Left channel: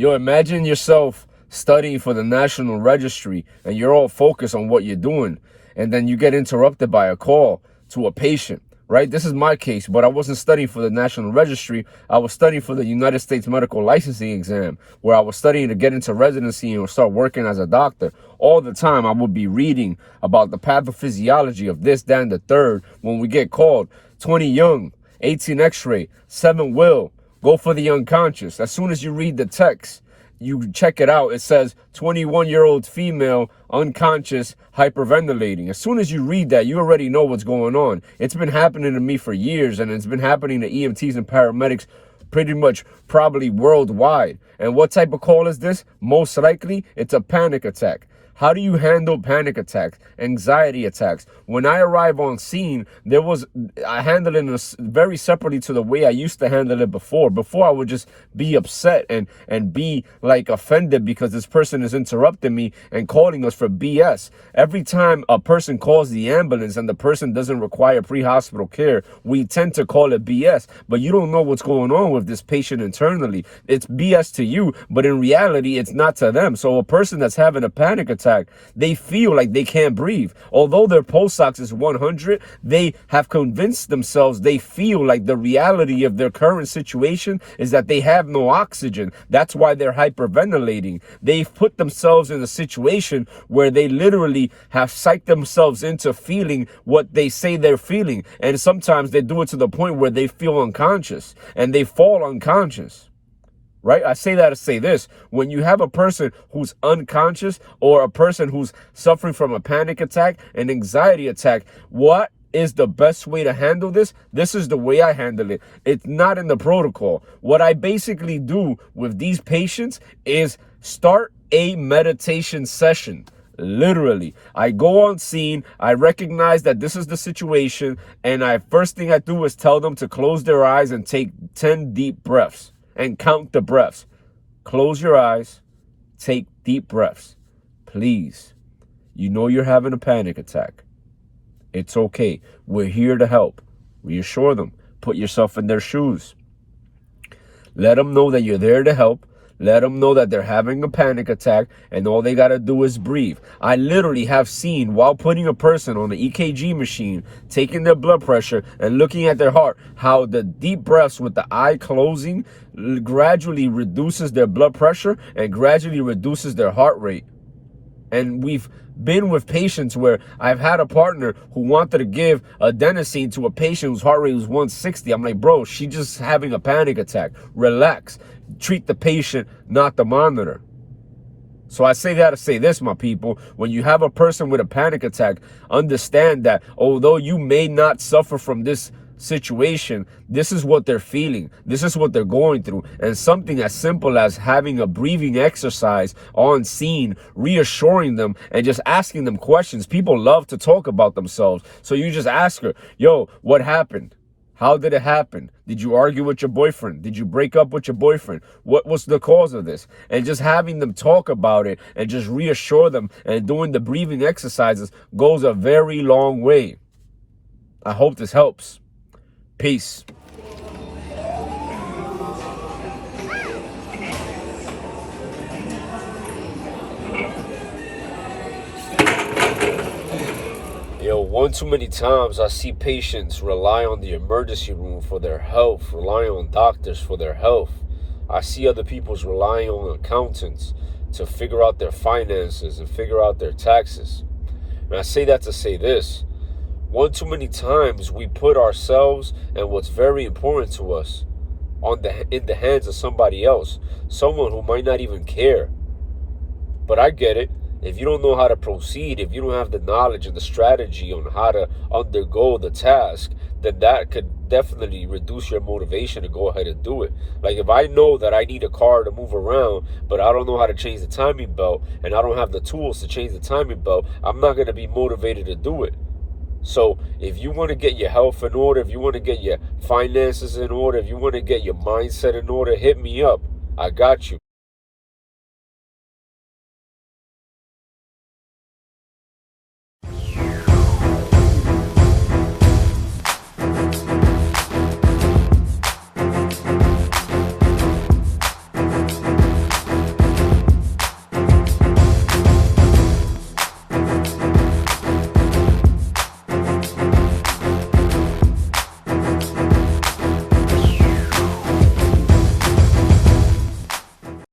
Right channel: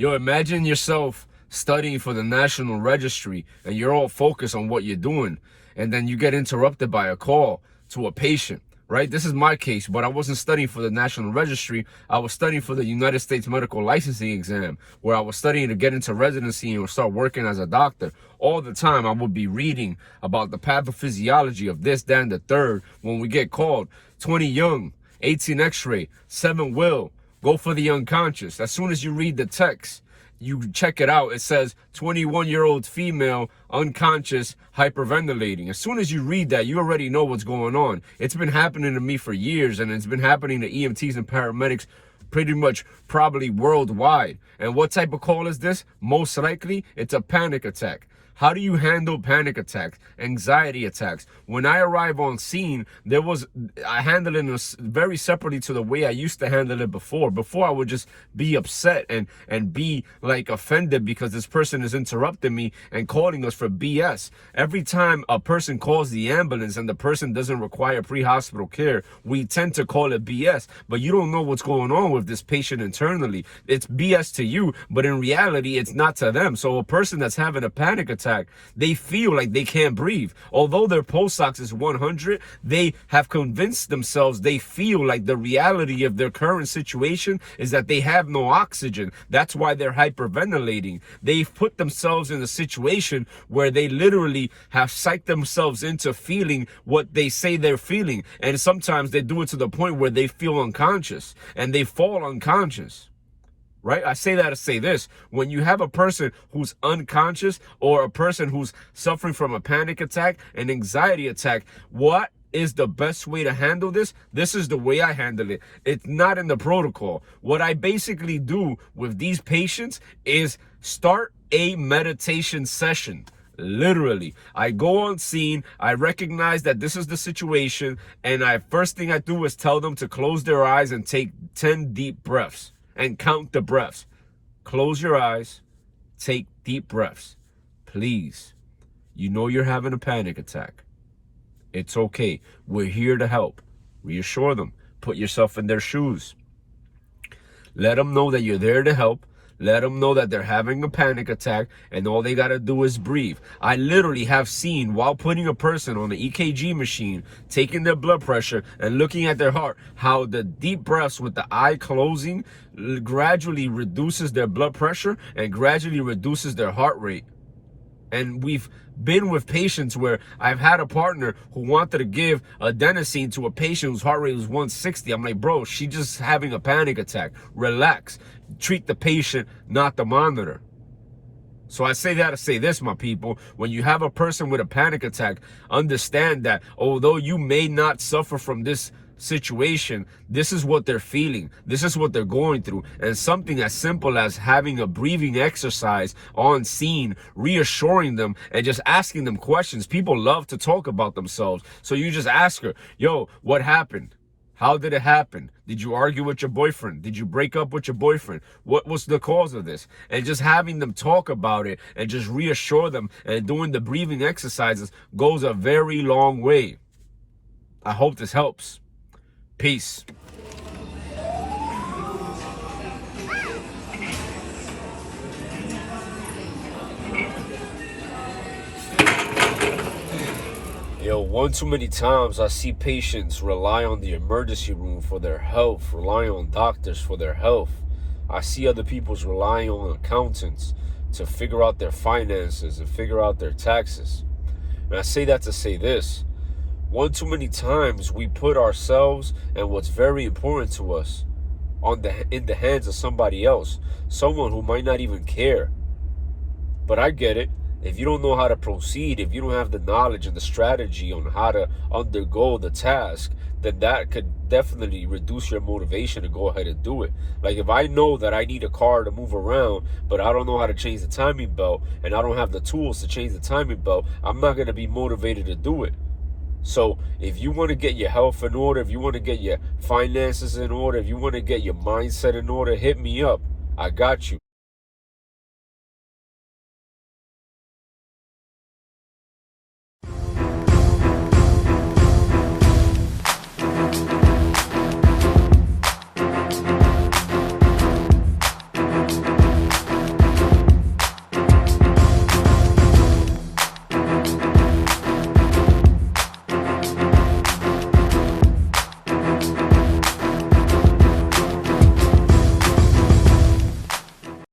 Yo, imagine yourself studying for the National Registry and you're all focused on what you're doing, and then you get interrupted by a call to a patient, right? This is my case, but I wasn't studying for the National Registry. I was studying for the United States Medical Licensing Exam, where I was studying to get into residency and start working as a doctor. All the time, I would be reading about the pathophysiology of this, that, and the third. When we get called, 20 young, 18 x-ray, 7 will, go for the unconscious. As soon as you read the text, you check it out, it says 21-year-old female, unconscious, hyperventilating. As soon as you read that, you already know what's going on. It's been happening to me for years, and it's been happening to EMTs and paramedics pretty much probably worldwide. And what type of call is this? Most likely, it's a panic attack. How do you handle panic attacks, anxiety attacks? When I arrive on scene, I handle it very separately to the way I used to handle it before. Before, I would just be upset and be like offended because this person is interrupting me and calling us for BS. Every time a person calls the ambulance and the person doesn't require pre-hospital care, we tend to call it BS. But you don't know what's going on with this patient internally. It's BS to you, but in reality, it's not to them. So a person that's having a panic attack, they feel like they can't breathe. Although their pulse ox is 100, they have convinced themselves, they feel like the reality of their current situation is that they have no oxygen. That's why they're hyperventilating. They've put themselves in a situation where they literally have psyched themselves into feeling what they say they're feeling. And sometimes they do it to the point where they feel unconscious and they fall unconscious. Right? I say that to say this. When you have a person who's unconscious or a person who's suffering from a panic attack, an anxiety attack, what is the best way to handle this? This is the way I handle it. It's not in the protocol. What I basically do with these patients is start a meditation session. Literally, I go on scene, I recognize that this is the situation, and first thing I do is tell them to close their eyes and take 10 deep breaths. And count the breaths. Close your eyes. Take deep breaths. Please. You know you're having a panic attack. It's okay. We're here to help. Reassure them. Put yourself in their shoes. Let them know that you're there to help. Let them know that they're having a panic attack and all they got to do is breathe. I literally have seen, while putting a person on the EKG machine, taking their blood pressure and looking at their heart, how the deep breaths with the eye closing gradually reduces their blood pressure and gradually reduces their heart rate. And we've been with patients where I've had a partner who wanted to give adenosine to a patient whose heart rate was 160. I'm like, bro, she's just having a panic attack. Relax. Treat the patient, not the monitor. So I say that to say this, my people. When you have a person with a panic attack, understand that although you may not suffer from this situation, this is what they're feeling, this is what they're going through. And something as simple as having a breathing exercise on scene, reassuring them and just asking them questions. People love to talk about themselves, so you just ask her, yo, what happened? How did it happen? Did you argue with your boyfriend? Did you break up with your boyfriend? What was the cause of this? And just having them talk about it and just reassure them and doing the breathing exercises goes a very long way. I hope this helps. Peace. Yo, one too many times I see patients rely on the emergency room for their health, relying on doctors for their health. I see other people's relying on accountants to figure out their finances and figure out their taxes. And I say that to say this. One too many times we put ourselves and what's very important to us in the hands of somebody else, someone who might not even care. But I get it. If you don't know how to proceed, if you don't have the knowledge and the strategy on how to undergo the task, then that could definitely reduce your motivation to go ahead and do it. Like if I know that I need a car to move around, but I don't know how to change the timing belt and I don't have the tools to change the timing belt, I'm not going to be motivated to do it. So if you want to get your health in order, if you want to get your finances in order, if you want to get your mindset in order, hit me up. I got you.